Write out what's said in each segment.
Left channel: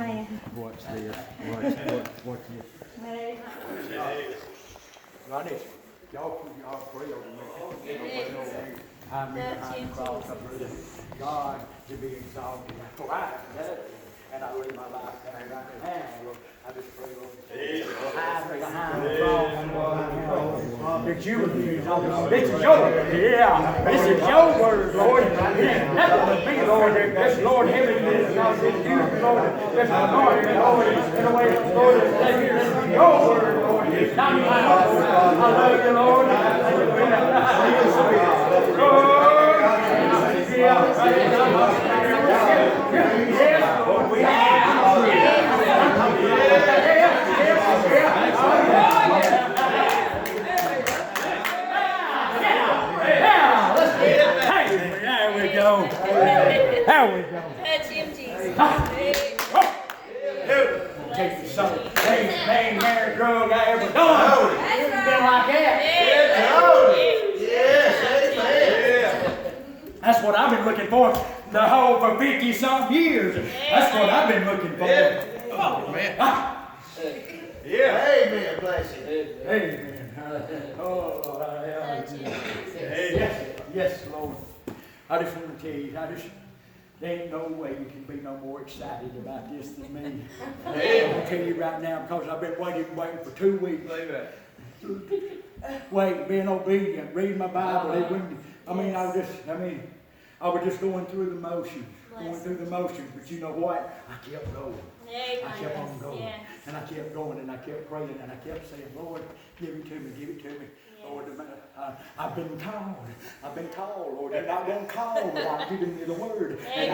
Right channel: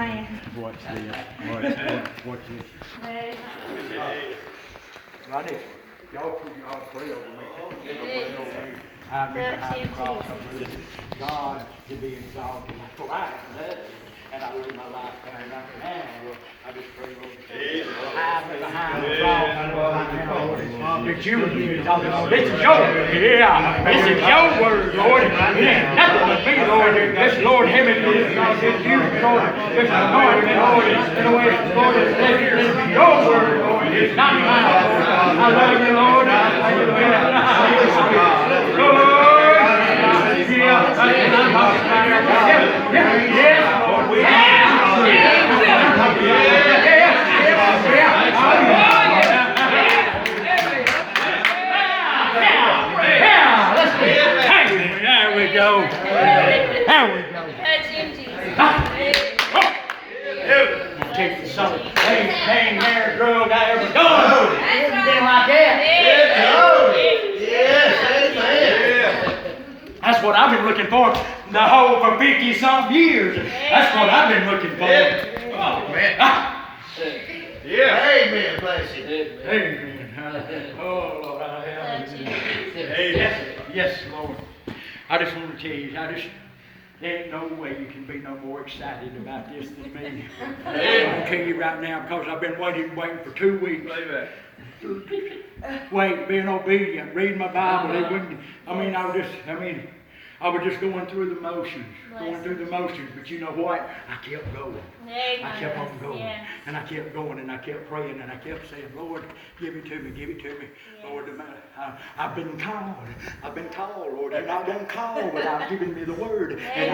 Amen. Watch this. Watch this. Amen. Ronnie, y'all pray over me. I'm behind the cross. God to be exalted. For I am that. And I live my life down right now. I just pray, Lord. Hide me behind the cross. That you would be exalted. This is your word. Yeah. This is your word, Lord. It ain't nothing but me, Lord. This Lord, heaven is God. This you, Lord. This anointing, Lord. In the way, Lord, this be your word, Lord. It's not mine, Lord. I love you, Lord. I love you, Lord. Yes, Lord. There we go. There we go. Take the son. Ain't hair drug I ever done. Been like that. That's what I've been looking for the whole for 50-some years. That's what I've been looking for. Come on, man. Yeah. Amen. Bless you. Amen. Oh, Lord, I have you. Yes, Lord. I just want to tell you, there ain't no way you can be no more excited about this than me. I'm going to tell you right now because I've been waiting for 2 weeks. Wait, being obedient, reading my Bible. I was just going through the motions, but you know what? I kept going. I kept on going, and I kept going, and I kept praying, and I kept saying, Lord, give it to me, give it to me. Lord, I've been called, Lord. You're not going to call without giving me the word. And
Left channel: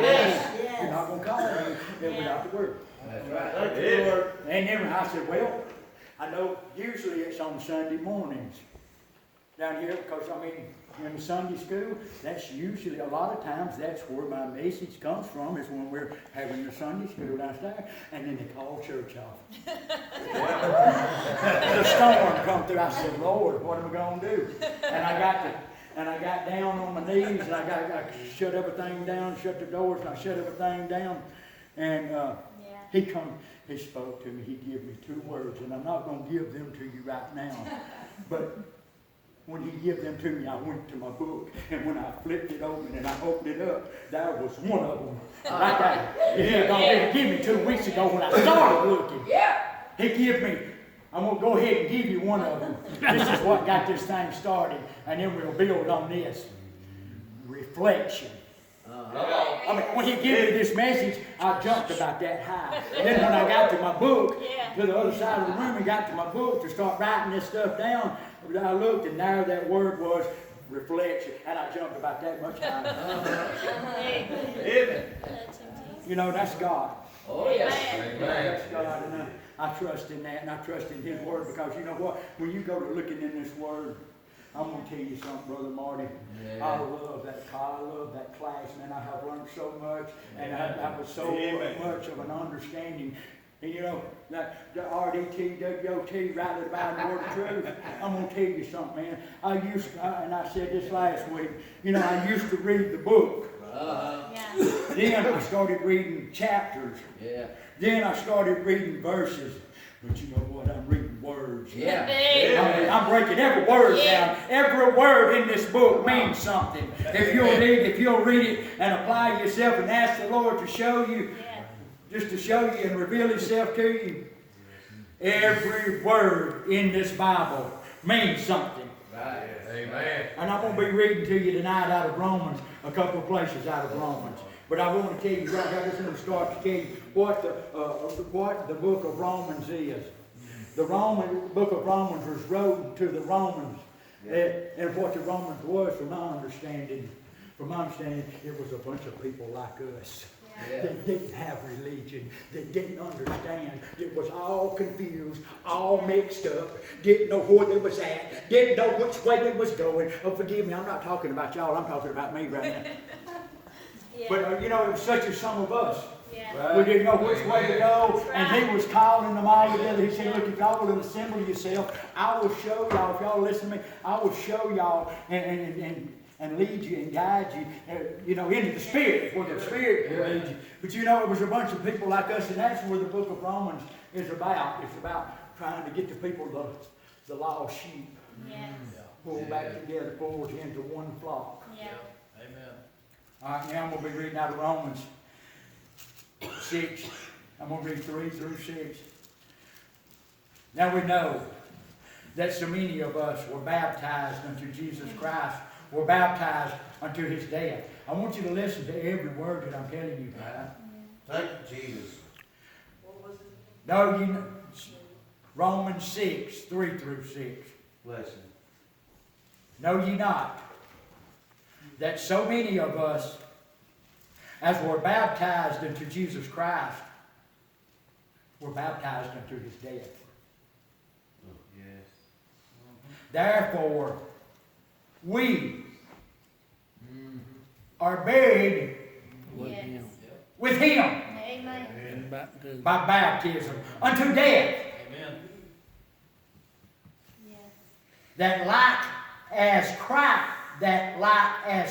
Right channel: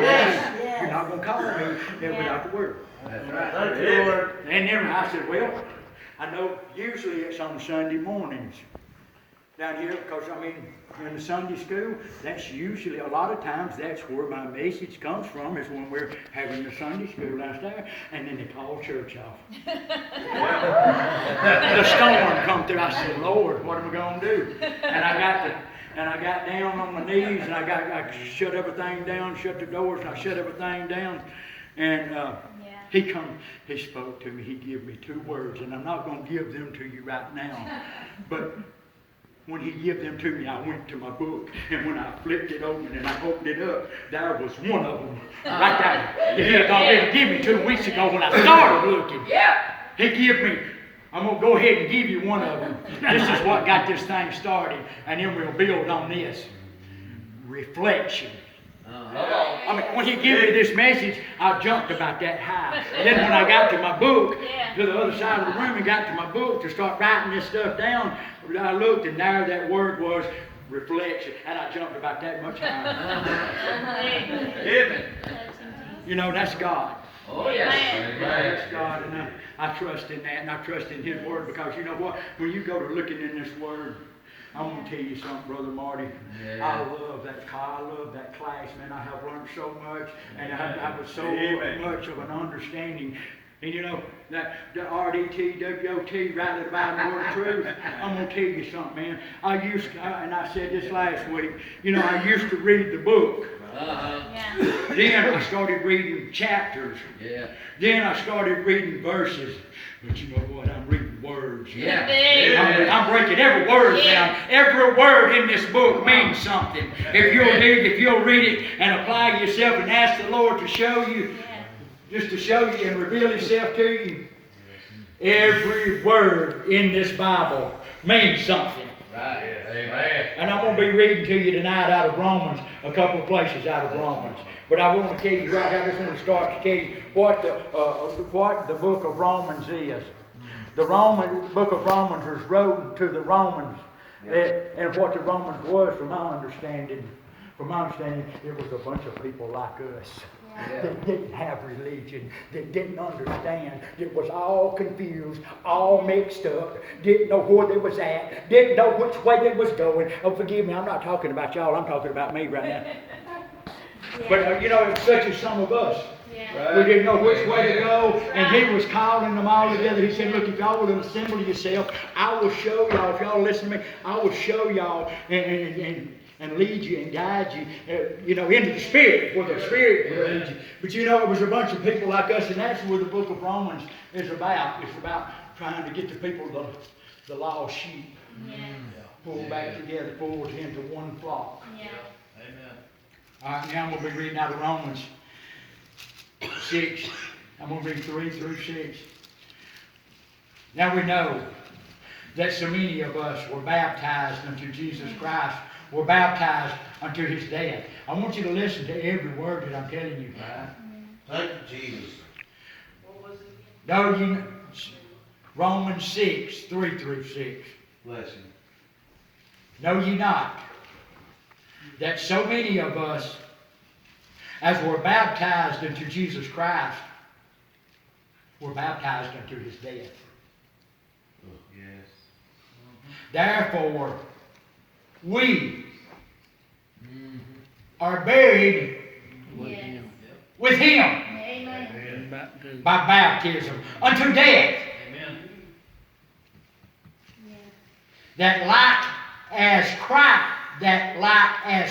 you're not going to call me without the word. That's right. Thank you, Lord. And then I said, well, I know usually it's on Sunday mornings down here because, in the Sunday school, that's usually, a lot of times, that's where my message comes from, is when we're having the Sunday school downstairs, and then they call church off. The storm come through. I said, Lord, what am I going to do? And I got down on my knees, and I shut everything down, shut the doors, and I shut everything down, and he spoke to me. He gave me 2 words, and I'm not going to give them to you right now, but when he gave them to me, I went to my book, and when I flipped it open and I opened it up, there was one of them right there. He had already given me 2 weeks ago when I started looking. He gave me, I'm going to go ahead and give you one of them. This is what got this thing started, and then we'll build on this. Reflection. When he gave me this message, I jumped about that high. And then when I got to my book, to the other side of the room, and got to my book to start writing this stuff down, I looked, and there that word was reflection, and I jumped about that much higher. You know, that's God. Oh, yes. That's God, and I trust in that, and I trust in His Word, because you know what? When you go to looking in this Word, I'm going to tell you something, Brother Marty. I love that car. I love that class, man. I have learned so much, and I have so much of an understanding. And you know, that the Pt.2of2, rightly dividing the word of truth. I'm going to tell you something, man. And I said this last week, you know, I used to read the book. Then I started reading chapters. Then I started reading verses. But you know what? I'm reading words. I'm breaking every word down. Every word in this book means something. If you'll read it and apply yourself and ask the Lord to show you, just to show you and reveal Himself to you, every word in this Bible means something. Right. Amen. And I'm going to be reading to you tonight out of Romans, a couple of places out of Romans. But I want to tell you right now, I just want to start to tell you what the book of Romans is. The book of Romans was wrote to the Romans. And what the Romans was, from my understanding, it was a bunch of people like us. That didn't have religion, that didn't understand, that was all confused, all mixed up, didn't know where they was at, didn't know which way they was going. Oh, forgive me, I'm not talking about y'all, I'm talking about me right now. But you know, such as some of us. We didn't know which way to go, and He was calling them all together. He said, look, if y'all will assemble yourself, I will show y'all, if y'all listen to me, I will show y'all, and and lead you and guide you, into the Spirit, where the Spirit will lead you. But it was a bunch of people like us, and that's where the book of Romans is about. It's about trying to get the people, the lost sheep, pulled back together, pulled into one flock. Yeah. Amen. All right, now I'm going to be reading out of Romans 6. I'm going to read 3 through 6. Now we know that so many of us were baptized unto Jesus Christ, were baptized unto his death. I want you to listen to every word that I'm telling you. Thank you, Jesus. No, Romans 6, 3 through 6. Bless you. Know ye not that so many of us, as were baptized into Jesus Christ, were baptized unto his death? Yes. Therefore, we are buried Yes. with him Amen. by baptism unto death, Amen. Yes. that like as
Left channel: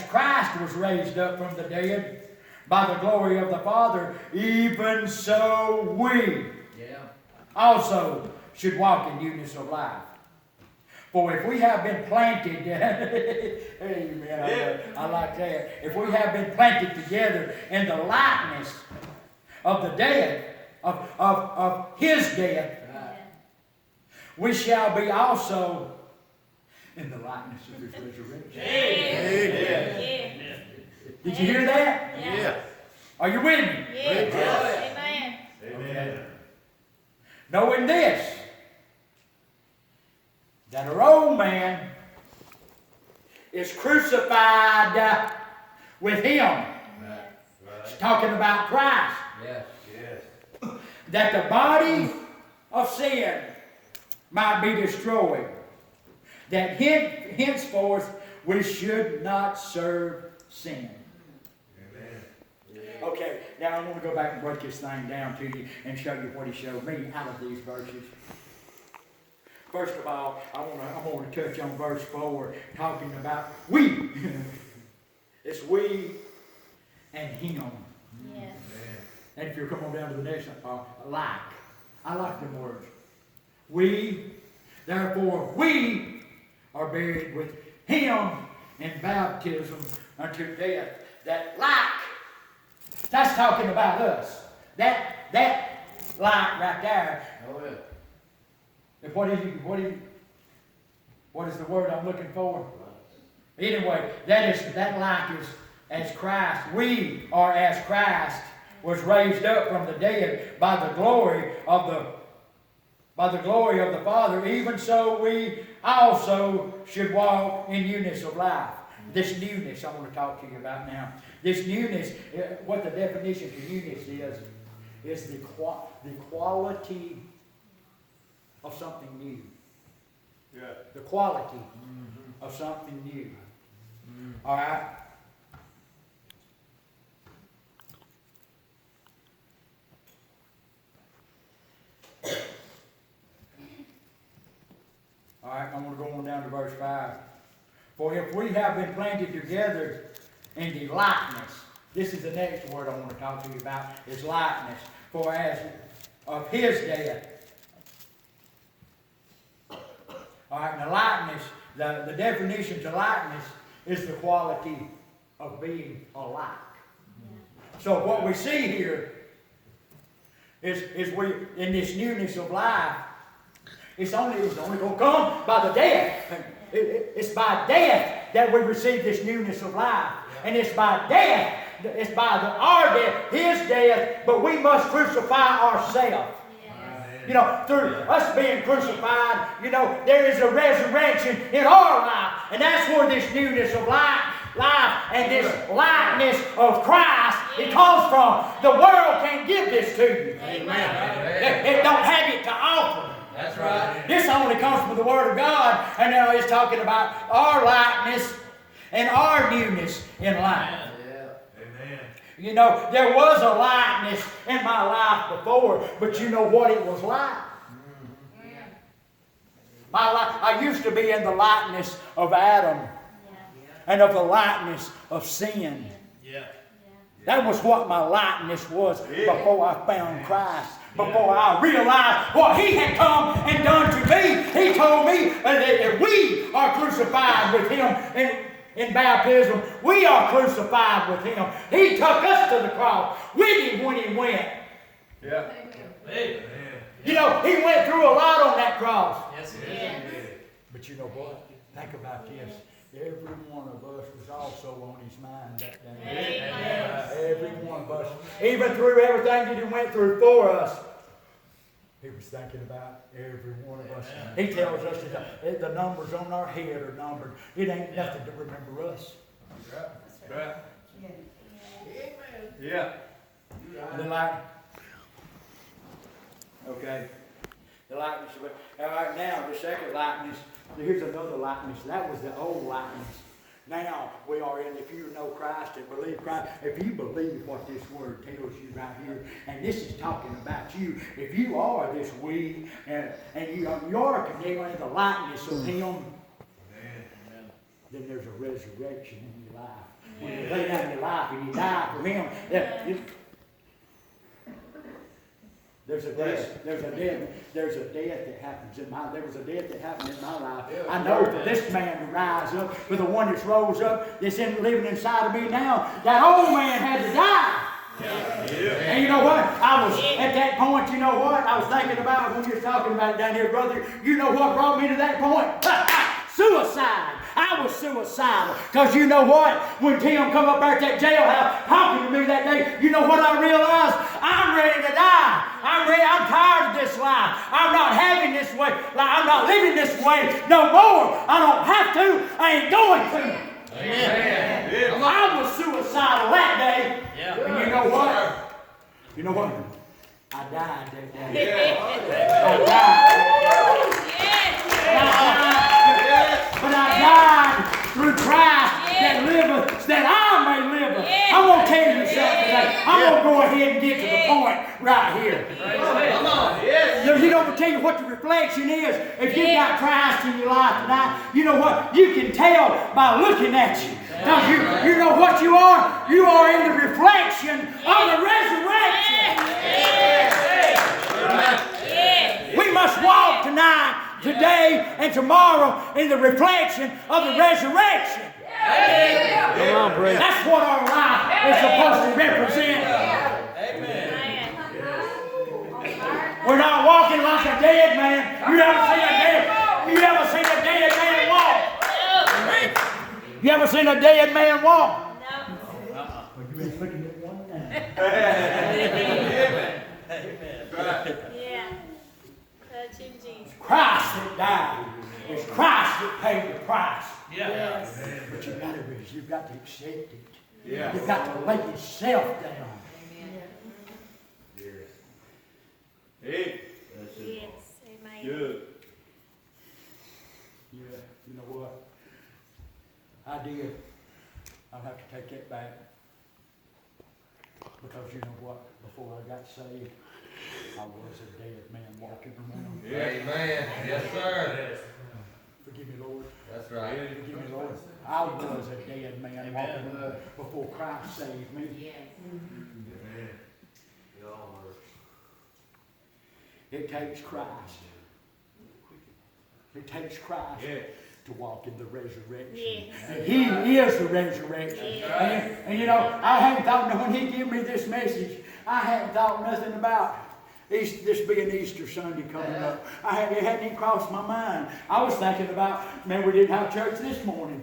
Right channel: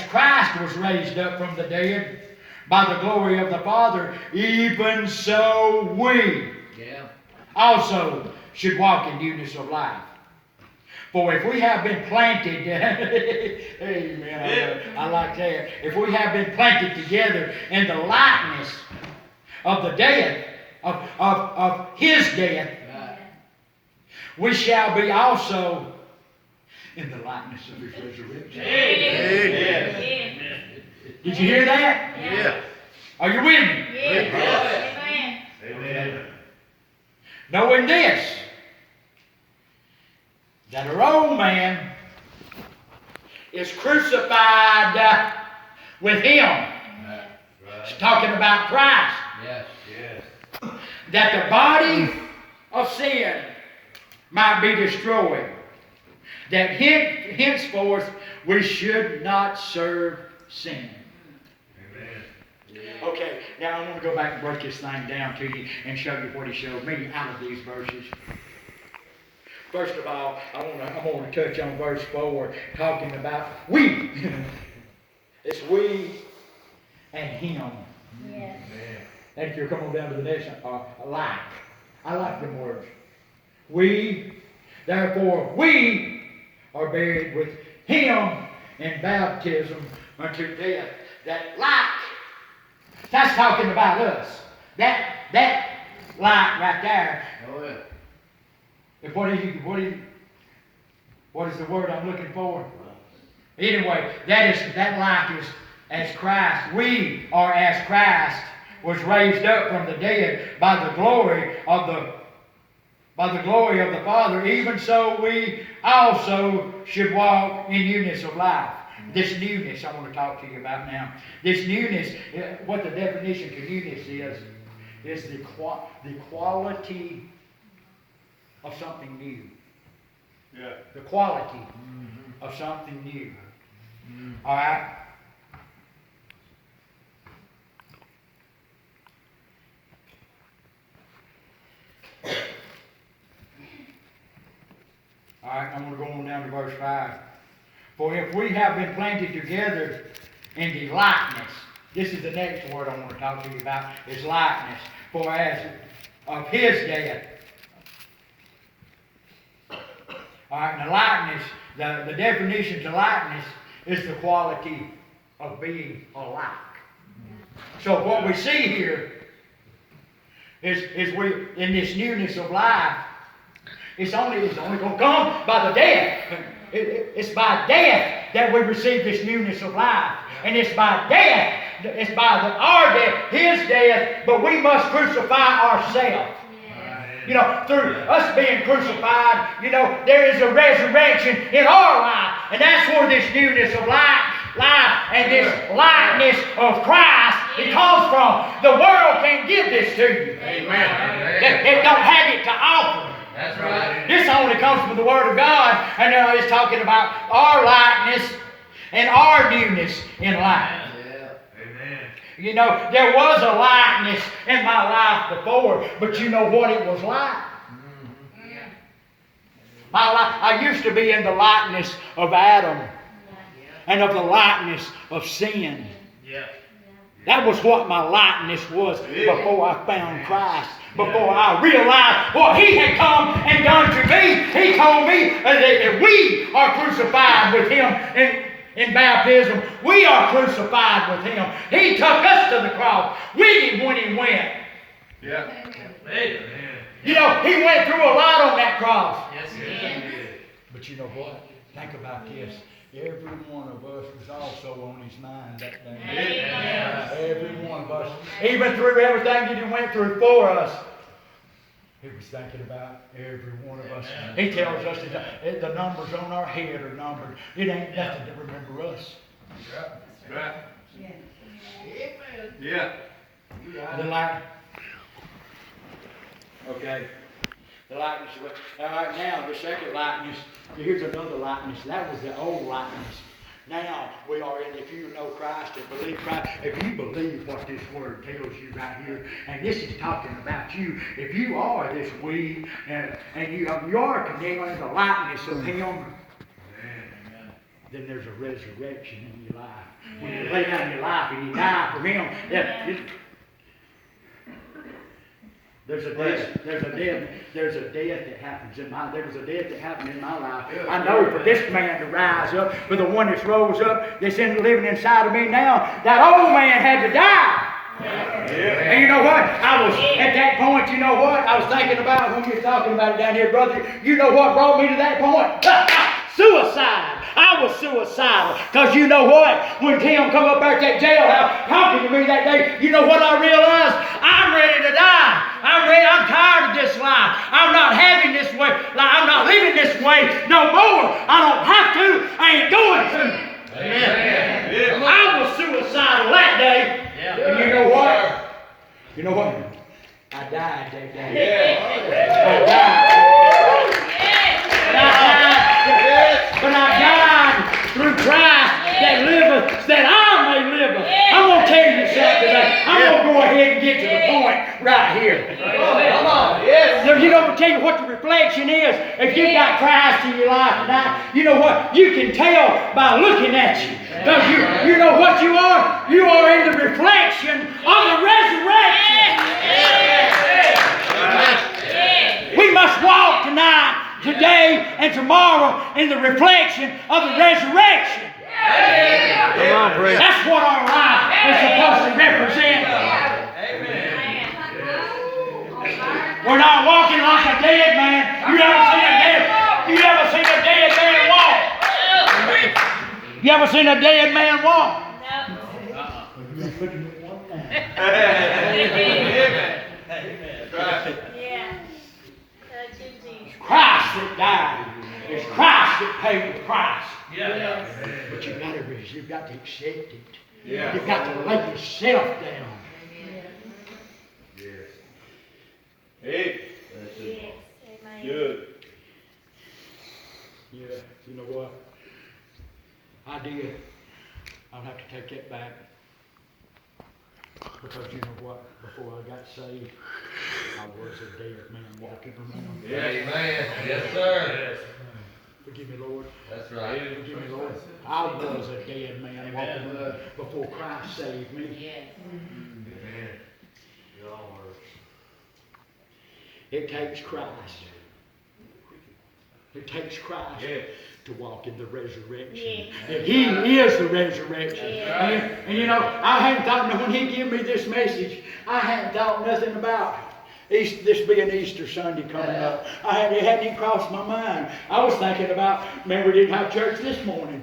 Christ was raised up from the dead by the glory of the Father, even so we also should walk in newness of life. For if we have been planted, amen, I like that. If we have been planted together in the likeness of the death, of his death, we shall be also in the likeness of his resurrection. Amen. Did you hear that? Yeah. Are you with me? Yes. Amen. Amen. Knowing this, that our old man is crucified with him. Yes. It's talking about Christ. Yes. Yes. That the body of sin might be destroyed. That henceforth we should not serve sin. Amen. Okay, now I'm going to go back and break this thing down to you and show you what he showed me out of these verses. First of all, I want to touch on verse 4, talking about we. It's we and him. Yes. And if you come on down to the next, like. I like them words. We, therefore, we are buried with him in baptism unto death. That like, that's talking about us. That like right there. Oh, yeah. And what is the word I'm looking for? Anyway, that like is as Christ. We are as Christ was raised up from the dead by the glory of the Father. Even so, we also should walk in newness of life. This newness I want to talk to you about now. This newness, what the definition to newness is the quality of something new. Yeah. The quality of something new. All right? All right, I'm going to go on down to verse 5. For if we have been planted together in the likeness, this is the next word I want to talk to you about, is likeness. For as of his death. All right, and the likeness, the definition to likeness is the quality of being alike. So what we see here is we, in this newness of life, it's only going to come by the death. It's by death that we receive this newness of life. And it's by death, it's by our death, his death, but we must crucify ourselves. Through us being crucified, there is a resurrection in our life. And that's where this newness of life and this likeness of Christ, it comes from. The world can't give this to you. Amen. It don't have it to offer. That's right. This only comes from the Word of God. And it's talking about our likeness and our newness in life. Amen. There was a likeness in my life before, but you know what it was like? My life, I used to be in the likeness of Adam. and of the likeness of sin. Yeah. That was what my likeness was before I found Christ. Before I realized what He had come and done to me. He told me that we are crucified with Him in baptism. We are crucified with Him. He took us to the cross with Him when He went. Yeah. Amen. You know, He went through a lot on that cross. Yes, He did. But you know what? Think about this. Every one of us was also on His mind that day. Amen. Every one of us. Even through everything that He went through for us, He was thinking about every one of us. He tells us that the numbers on our head are numbered. It ain't nothing to remember us. Right. Amen. Yeah. The light. Okay. The likeness. All right, now the second likeness. Here's another likeness. That was the old likeness. Now we are in, if you know Christ and believe Christ, if you believe what this word tells you right here, and this is talking about you, if you are this we, and you are condemning the likeness of Him, then there's a resurrection in your life. When you lay down your life and you die for Him, there's a death that happens in my, there was a death that happened in my life. I know for this man to rise up, for the one that's rose up, that's living inside of me now, that old man had to die. Yeah. And you know what? I was at that point, you know what? I was thinking about when you're talking about it down here, brother. You know what brought me to that point? Suicide. I was suicidal. Because you know what? When Tim come up there at that jailhouse talking to me that day, you know what I realized? I'm ready to die. I'm tired of this life. I'm not having this way. I'm not living this way no more. I don't have to. I ain't going to. Amen. Yeah. I was suicidal that day. Yeah. And you know what? You know what? I died that day. Yeah. I died. But I died through Christ that liveth, that I may live. I'm going to tell you something today. I'm going to go ahead and get to the point right here. Come on. You know, to tell you what the reflection is. If you've got Christ in your life tonight, you know what? You can tell by looking at you. Because you know what you are? You are in the reflection of the resurrection. We must walk tonight, today, and tomorrow in the reflection of the resurrection. Come on, Brent. That's what our life is supposed to represent. We're not walking like a dead man. You ever seen a dead man walk? You ever seen a dead man walk? Christ that died. It's Christ that paid the price. But you've got to accept it. Yeah. You've got to lay yourself down. Yes. Hey. That's it. Yes. Amen. Good. Yeah, you know what? I did. I'll have to take that back. Because you know what? Before I got saved, I was a dead man walking around. Amen. Yes, sir. Forgive me, Lord. That's right. Forgive me, Lord. I was a dead man walking around before Christ saved me. Amen. It takes Christ. It takes Christ to walk in the resurrection. And He is the resurrection. And you know, I hadn't thought, when He gave me this message, I hadn't thought nothing about this being Easter Sunday coming up. It hadn't even crossed my mind. I was thinking about, man, we didn't have church this morning.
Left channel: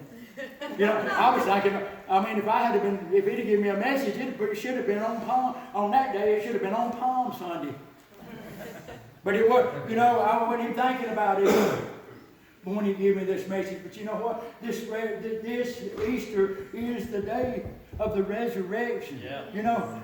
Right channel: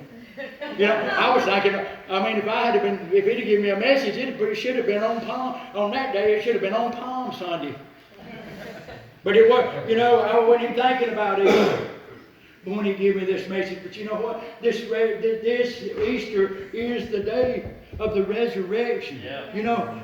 You know, I was thinking, if He'd have given me a message, it should have been on that day, it should have been on Palm Sunday. But it was, you know, I wasn't even thinking about it when He gave me this message. But you know what? This Easter is the day of the resurrection. Yeah. You know,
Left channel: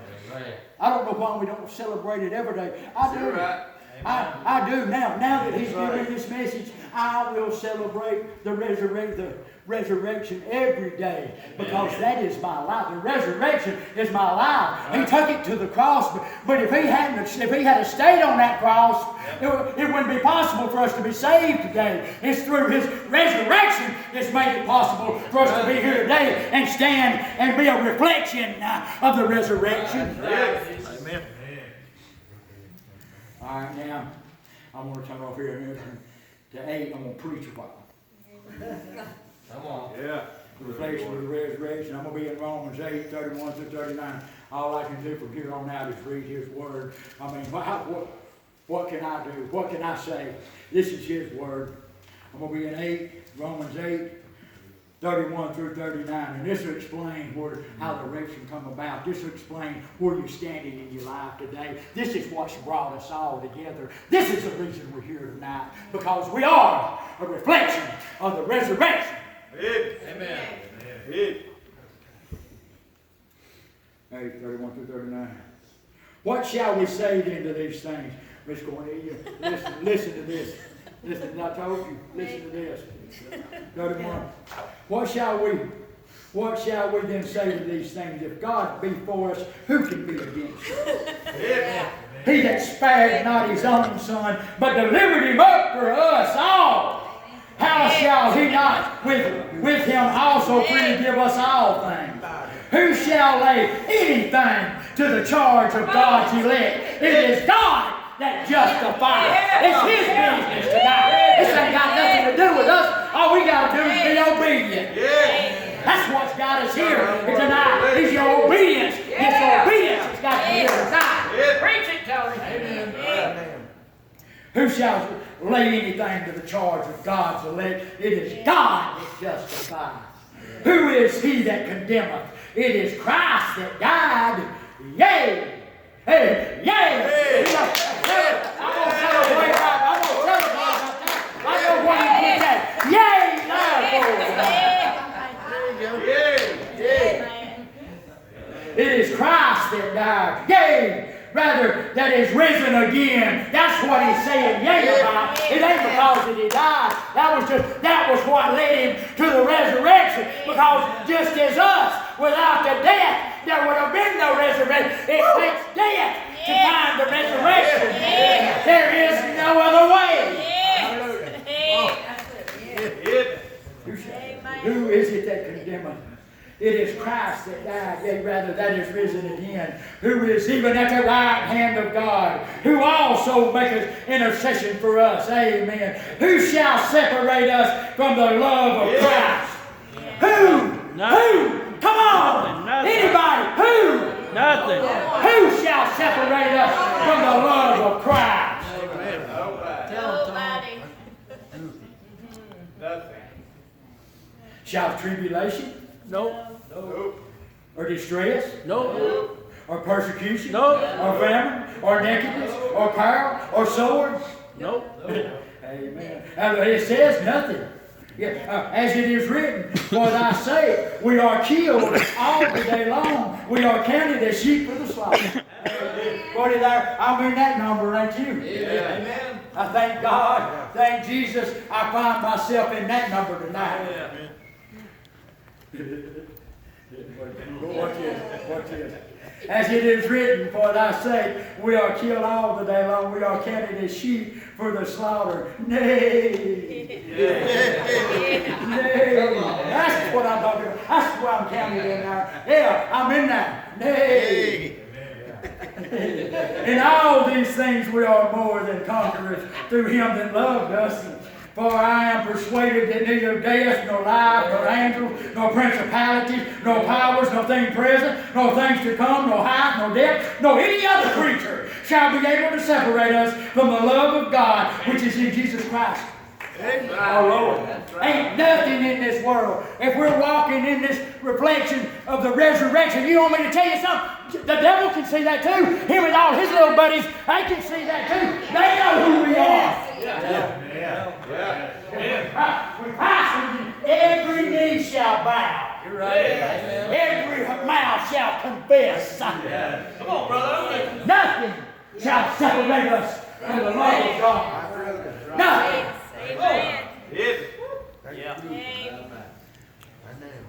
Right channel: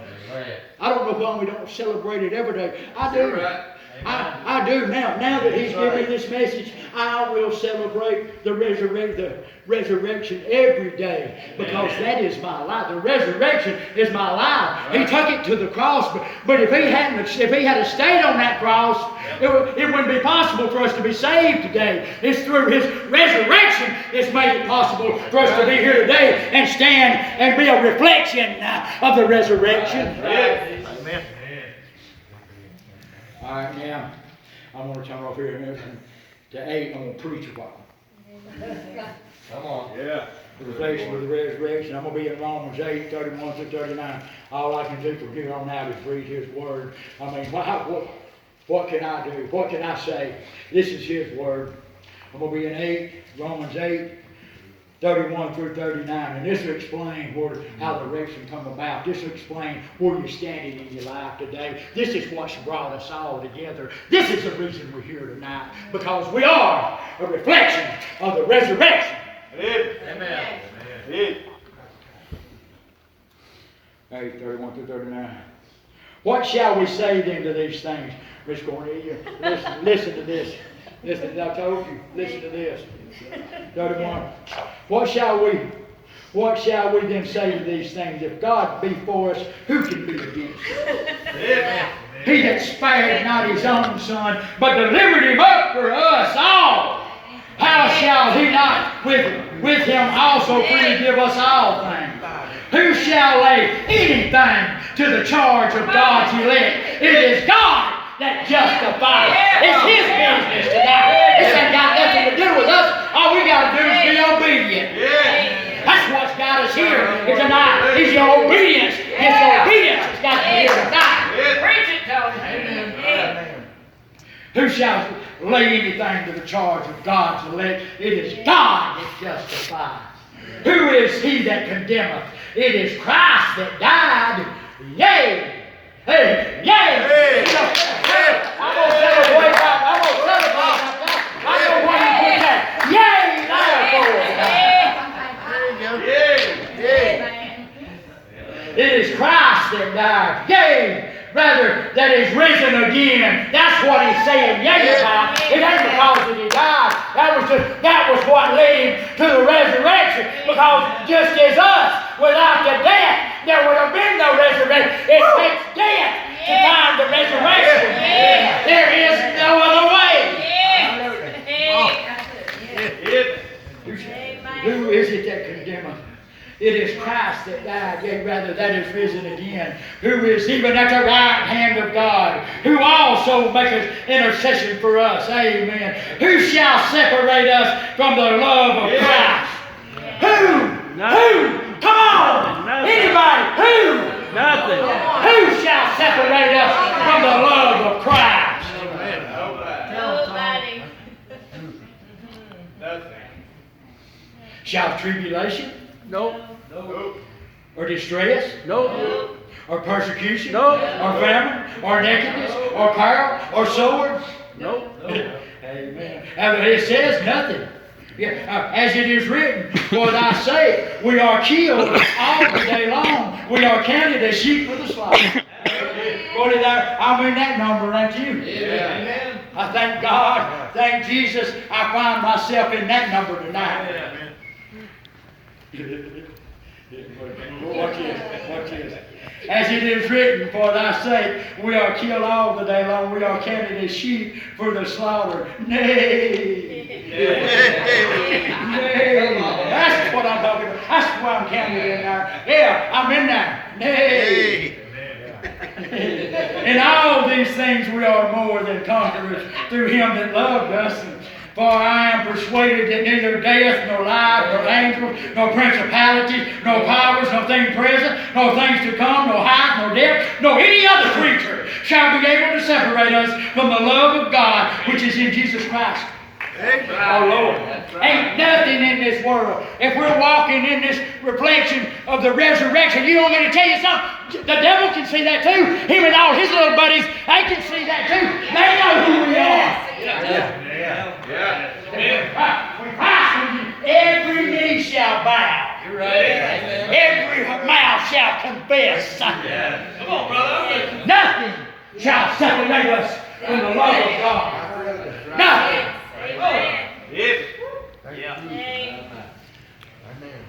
I don't know why we don't celebrate it every day. I do. Right. I do now. Now that He's given me this message, I will celebrate the resurrection every day, because that is my life. The resurrection is my life. He took it to the cross, but if He had stayed on that cross, it wouldn't be possible for us to be saved today. It's through His resurrection it's made it possible for us to be here today and stand and be a reflection of the resurrection. Amen. All right, now I'm going to turn off here and listen to 8. I'm going to preach a while. Come on. Yeah. The reflection of the resurrection. I'm going to be in Romans 8, 31 through 39. All I can do from here on out is read His Word. I mean, what can I do? What can I say? This is His Word. I'm going to be in Romans 8, 31 through 39. And this will explain how the resurrection come about. This will explain where you're standing in your life today. This is what's brought us all together. This is the reason we're here tonight. Because we are a reflection of the resurrection. Amen. 8, 31 through 39. What shall we say then to these things? Miss Cornelia, listen to this. Listen, I told you, listen to this. 31. What shall we then say to these things? If God be for us, who can be against us? Amen. He that spared not His own Son, but delivered Him up for us all, how shall He not with Him also freely give us all things? Who shall lay anything to the charge of God's elect? It is God that justifies. It's His business tonight. This ain't got nothing to do with us. All we got to do is be obedient. That's what's got us here tonight. Is your obedience. It's your obedience that's got you here tonight. Preach it, Tony. Amen. Who shall lay anything to the charge of God's elect? It is God that justifies. Who is he that condemneth? It is Christ that died. Yea. Hey, yea. I'm going to celebrate. I'm going to celebrate. I know why you put that. Yea. It is Christ that died. Yea. Rather, that is risen again. That's what he's saying. Yea about. It ain't because that he died. That was what led him to the resurrection. Because just as us, without the death, there would have been no resurrection. It takes death to find the resurrection. There is no other way. Who is it that condemneth? It is Christ that died, yea, rather that is risen again, who is even at the right hand of God, who also maketh intercession for us. Amen. Who shall separate us from the love of Christ? Who? Nothing. Who? Come on! Nothing. Anybody? Who? Nothing. Who shall separate us from the love of Christ? Nobody. Shall tribulation? Nope. Or distress? Nope. Or persecution? Nope. Or famine? Or nakedness? Or peril? Or sword? Nope. Amen. And it says nothing. Yeah, as it is written, for thy sake we are killed all the day long. We are counted as sheep for the slaughter. What did I'm in that number, ain't you? Amen. I thank God, thank Jesus, I find myself in that number tonight. Watch this. As it is written, for thy sake we are killed all the day long. We are counted as sheep for the slaughter. Nay. Nay. That's what I'm talking about. That's why I'm counted in there. Yeah, I'm in there. Nay. In all these things we are more than conquerors through him that loved us. For I am persuaded that neither death, nor life, nor angels, nor principalities, nor powers, nor things present, nor things to come, nor height, nor depth, nor any other creature shall be able to separate us from the love of God which is in Jesus Christ. Our Lord. Ain't nothing in this world. If we're walking in this reflection of the resurrection, you want me to tell you something? The devil can see that too. Him and all his little buddies, they can see that too. They know who we are. When Christ, every knee shall bow. You're right. Amen. Every mouth shall confess. Come on, brother. Nothing shall separate us and the love of God. Now, Amen. Yes. Yeah. Amen. Amen.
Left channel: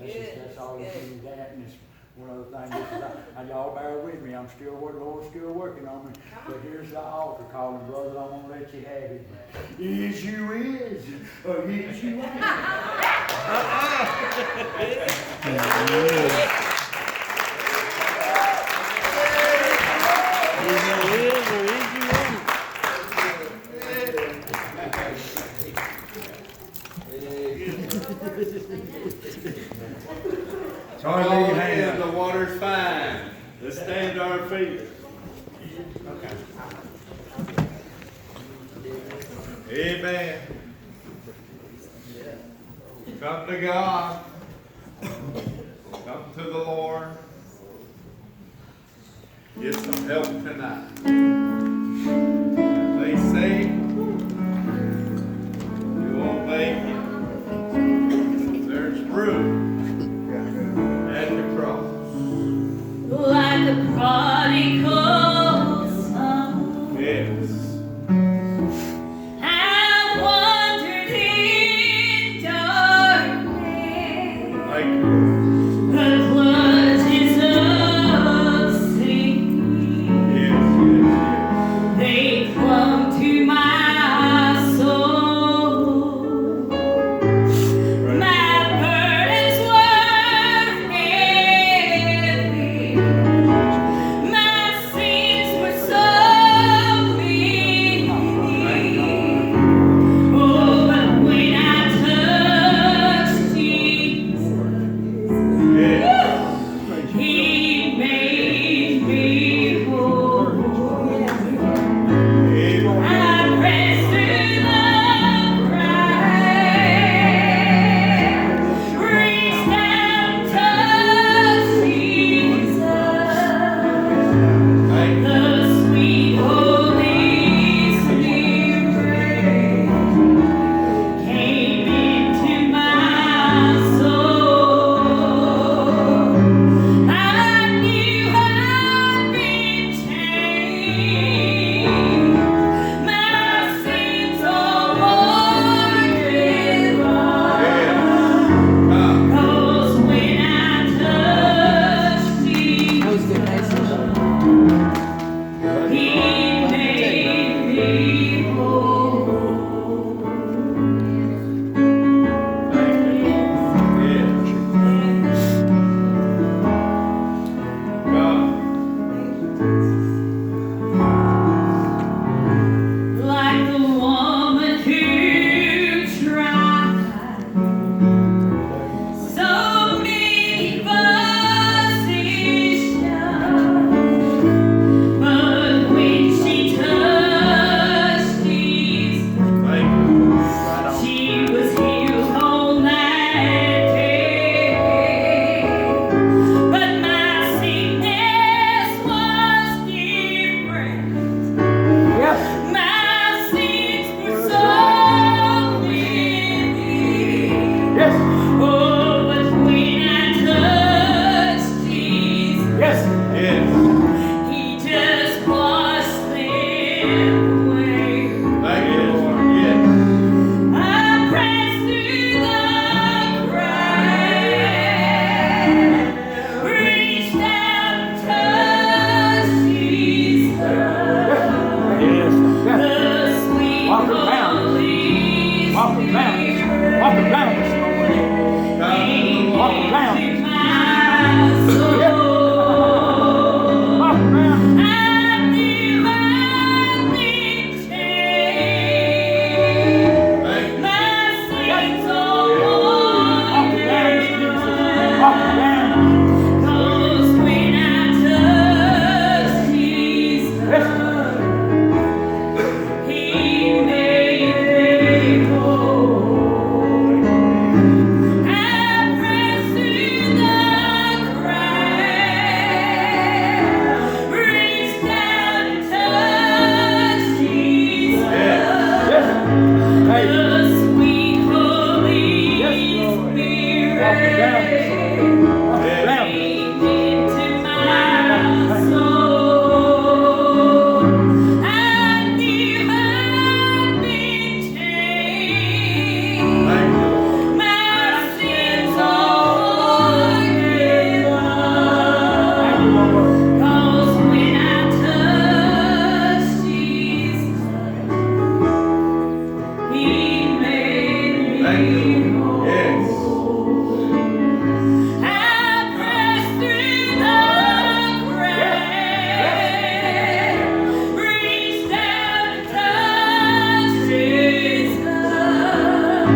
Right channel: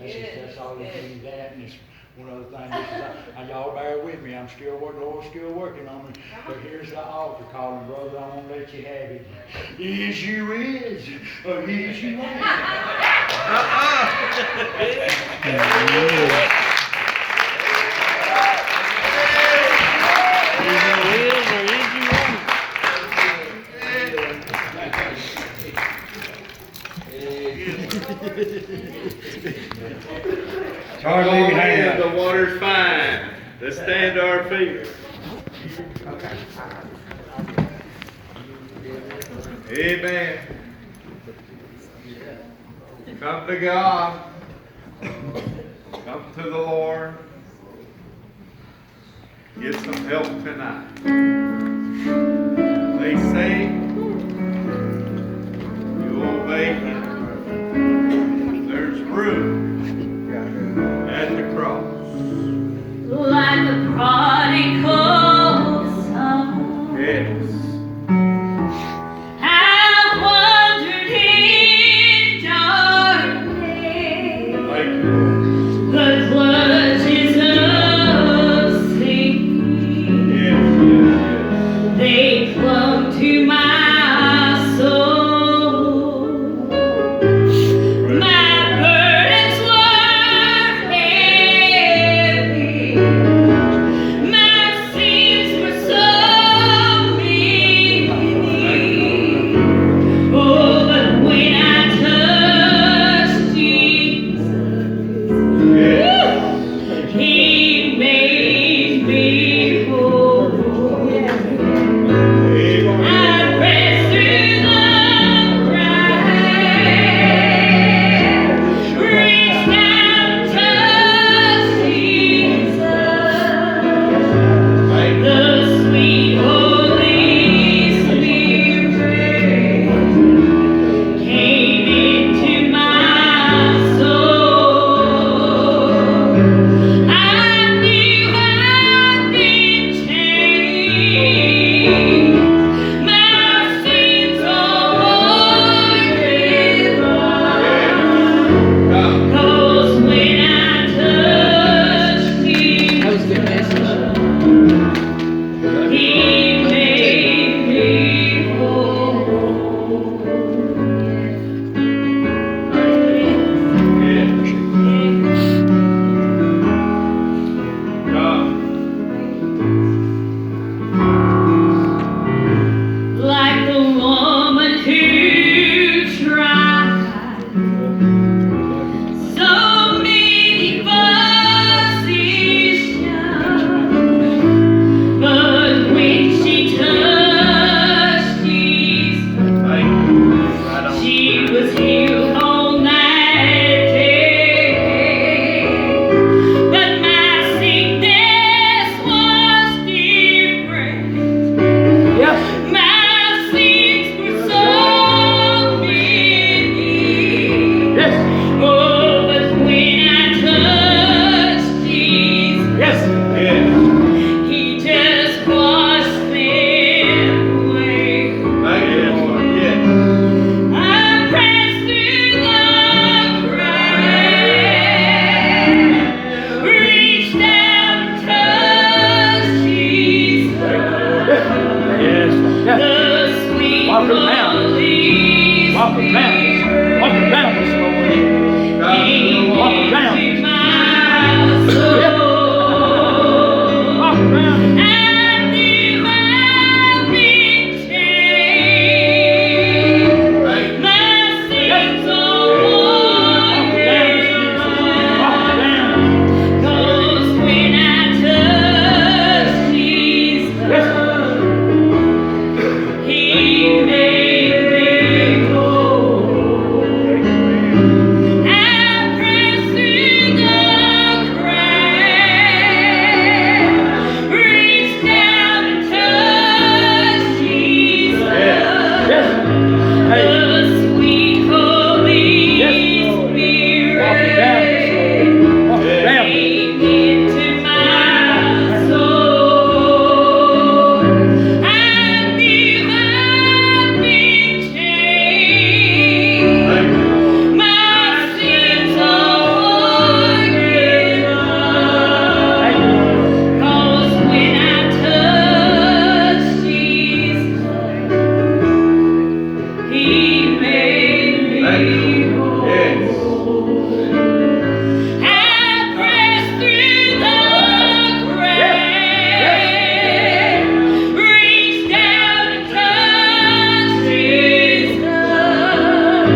that's all you do that, and it's one other thing. This is, y'all bear with me. I'm still working. Lord's still working on me. But here's the altar calling, brother. I won't let you have it. Is you is, or is you ain't. Charlie, hands, the water's fine. Let's stand to our feet. Amen. Come to God. Come to the Lord. Get some help tonight. They say you won't make it. There's room at the cross. Like the prodigal son, Yes. I wandered in darkness, Thank you. the clutches of sin. Yes, yes, They clung to my soul. My burdens were heavy. My sins were so many. Oh, but when I touched Jesus, yes. He made me whole. I pressed through the crowd, reached out, touched Jesus. Thank you. The sweet Holy Spirit came into my soul. I knew I'd been changed. My sins all forgiven. Come. 'Cause when I touched Jesus, That was a good message. He made me whole. Yes. Come. Like the woman who tried so many physicians, but when she touched Jesus, Thank you. Right on. she was healed on that day. But my sickness was different. Yes. My sins were so many. Yes. Oh, but when I touched Jesus, Yes. Yes. He just washed them away. Thank you, Lord. Yes. I pressed through the crowd, reached out, touched Jesus. Yes. The sweet Walk around. Holy Walk around this. Walk around this morning. Walk around Spirit this. my soul. Walk around this. I knew I'd been changed. Thank you. My sins all Walk around this. Walk forgiven. around. 'Cause when I touched Jesus, Yes. He made me whole. I pressed through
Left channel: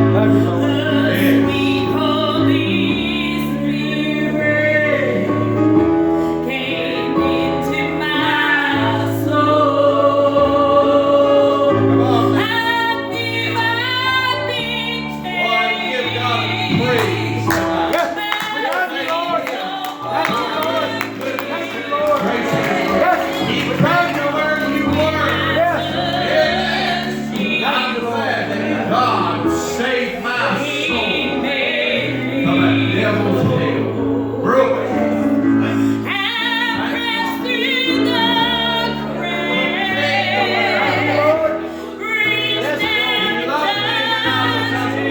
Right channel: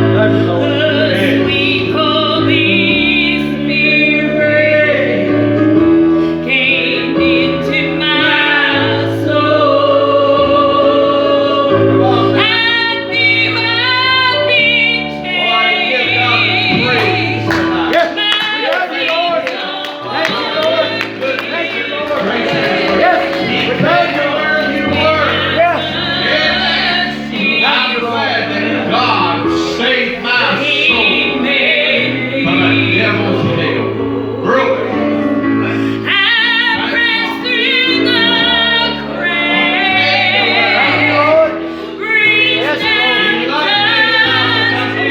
Love you, Lord. The sweet Holy Spirit came into my soul. And knew I'd been changed. Yes, we love you, Lord. Thank you, Lord. Thank you, Lord. Yes, we love you, Lord. Yes. Thank you, Lord. God saved my soul from a devil's hell. Really? I pressed through the Thank you, crowd, Lord. reached out to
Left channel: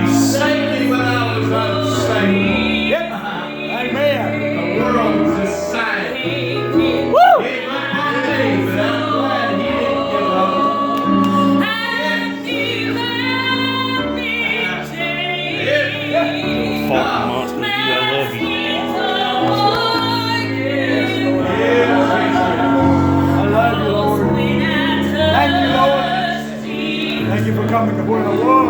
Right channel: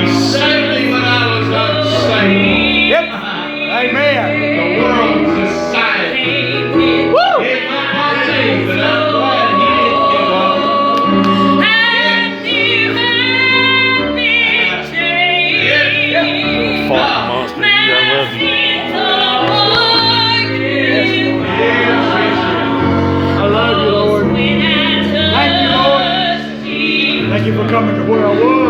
He saved me when I was unsaved. Yep. Amen. The world's a sign. Jesus. Woo! It might not be, but I'm glad he didn't give up. Fart monster, you got left. I love you, Lord. Thank you, Lord. Thank you for coming to where I was.